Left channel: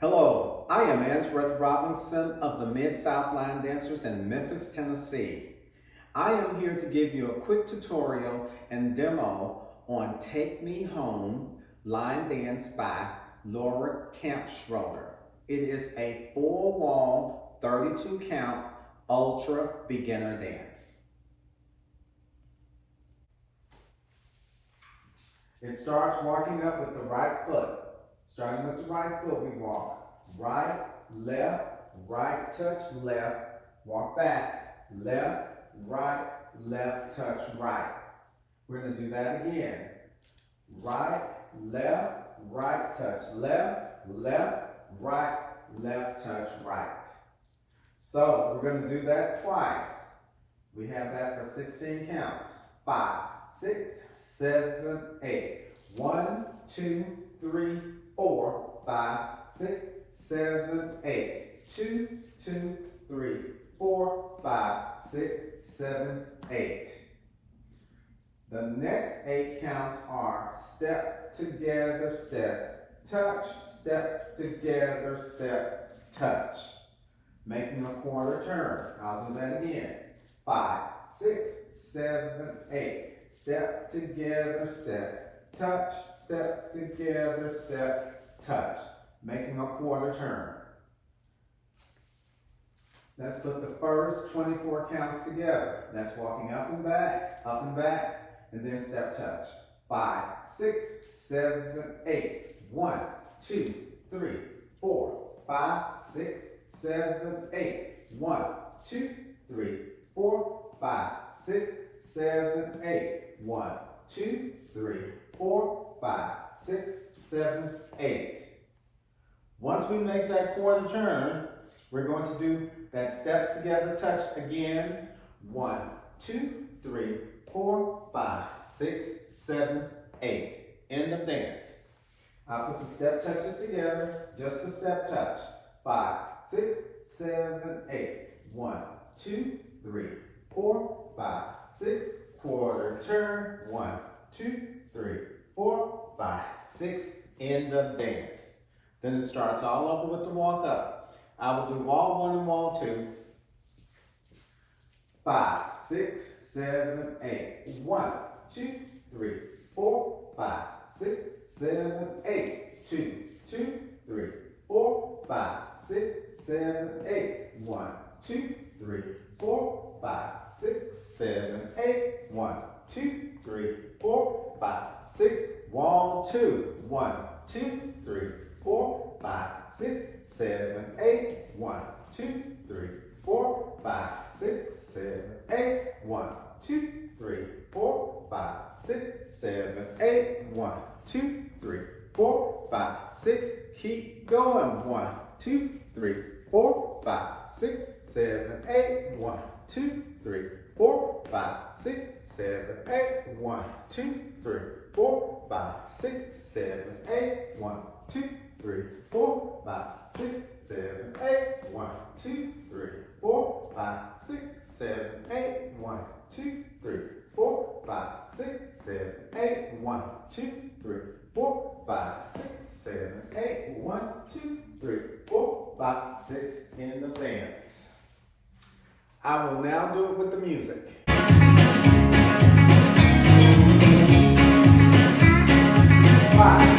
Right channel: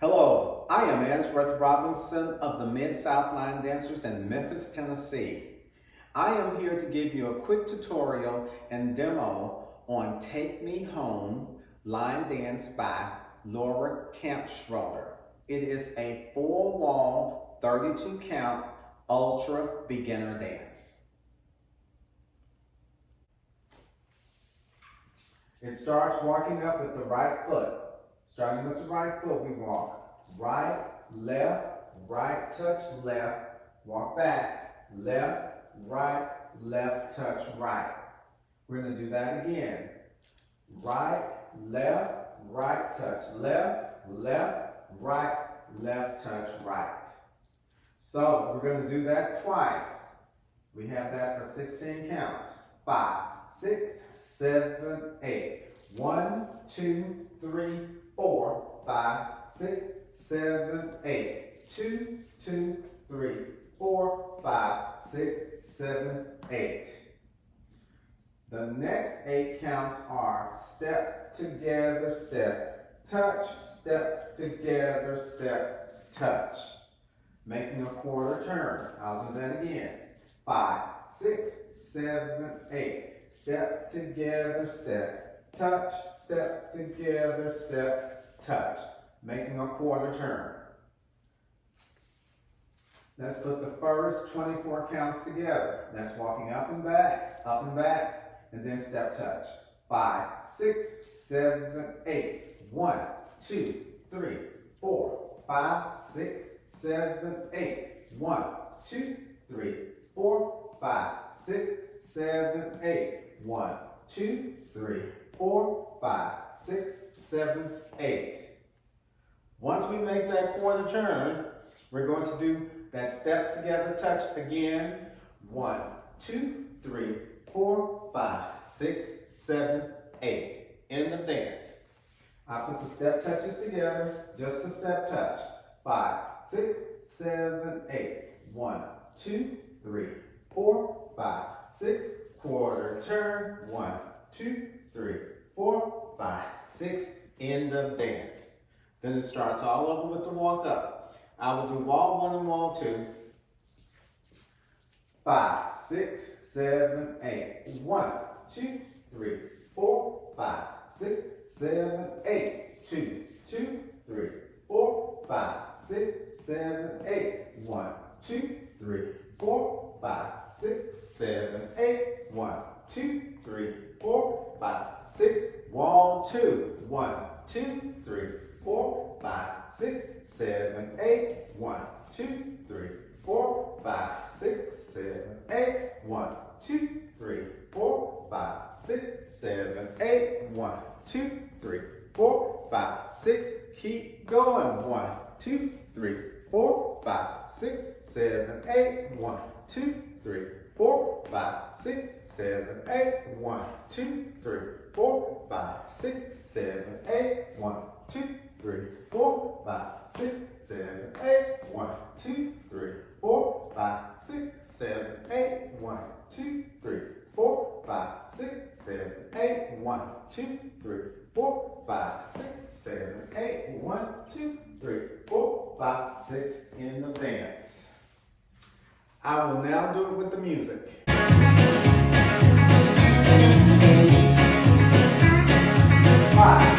Hello, I am Answorth Robinson of the Mid-South Line Dancers in Memphis, Tennessee. I am here to give you a quick tutorial and demo on Take Me Home line dance by Laura Kampschroeder. It is a 4-wall, 32 count, ultra beginner dance. It starts walking up with the right foot. Starting with the right foot, we walk right, touch left, walk back, left, touch right. We're going to do that again. Right, touch left, touch right. So we're going to do that twice. We have that for 16 counts. 5, 6, 7, 8. 1, 2, 3, 4, 5, 6, 7, 8. 2, 2, 3, 4, 5, 6, 7, 8. The next 8 counts are step together, step, touch, step together, step, touch. Making a quarter turn. I'll do that again. 5, 6, 7, 8. Step together, step, touch, step together, step, touch. Making a quarter turn. Let's put the first 24 counts together. That's walking up and back, and then step touch. 5, 6, 7, 8. 1, 2, 3, 4, 5, 6, 7, 8. 1, 2, 3, 4, 5, 6, 7, 8. 1, 2, 3, 4, 5, 6, 7, 8. Once we make that quarter turn, we're going to do that step together touch again. 1, 2, 3, 4, 5, 6, 7, 8. End of dance. I put the step touches together, just a step touch. 5, 6, 7, 8. 1, 2, 3, 4, 5, 6. Quarter turn. 1, 2, 3, 4, 5, 6. End of dance. Then it starts all over with the walk up. I will do wall 1 and wall 2. 5, 6, 7, 8. 1, 2, 3, 4, 5, 6, 7, 8. 2, 2, 3, 4, 5, 6, 7, 8. 1, 2, 3, 4, 5, 6, 7, 8. 1, 2, 3, 4, 5, 6. Wall 2. 1, 2, 3, 4, 5, 6, 7, 8. 1, 2, 3, 4, 5, 6, 7, 8. 1, 2, 3, 4, 5, 6, 7, 8. 1, 2, 3, 4, 5, 6. Keep going. 1, 2, 3, 4, 5, 6, 7, 8. 1, 2, 3, 4, 5, 6, 7, 8. 1, 2, 3, 4, 5, 6, 7, 8. 1, 2, 3, 4, 5, 6, 7, 8. 1, 2, 3, 4, 5, 6, 7, 8. 1, 2, 3, 4, 5, 6, 7, 8. 1, 2, 3, 4, 5, 6, 7, 8. 1, 2, 3, 4, 5, 6 in the dance. I will now do it with the music. 5,